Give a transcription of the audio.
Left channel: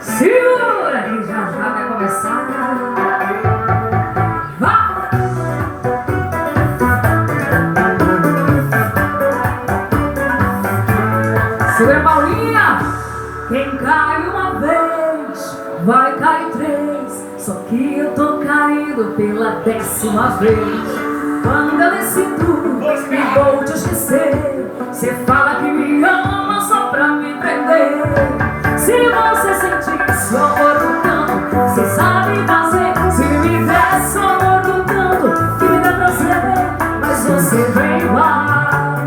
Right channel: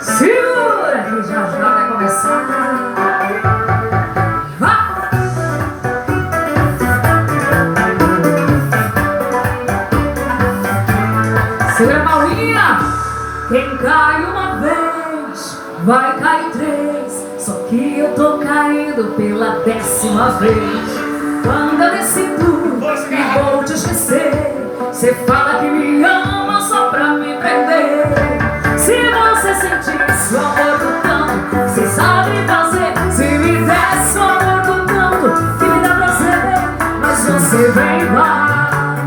Segura que já vai começar. Vai! Segura a Paulinha. Quem cai uma vez vai cair três. Só que eu tô caindo pela 10ª vez. Quando eu decido e vou te esquecer, cê fala que me ama só pra me prender. Se você sentisse o amor do canto, cê sabe fazer. Se me desse o amor do canto, que me dá prazer, mas você vem lá.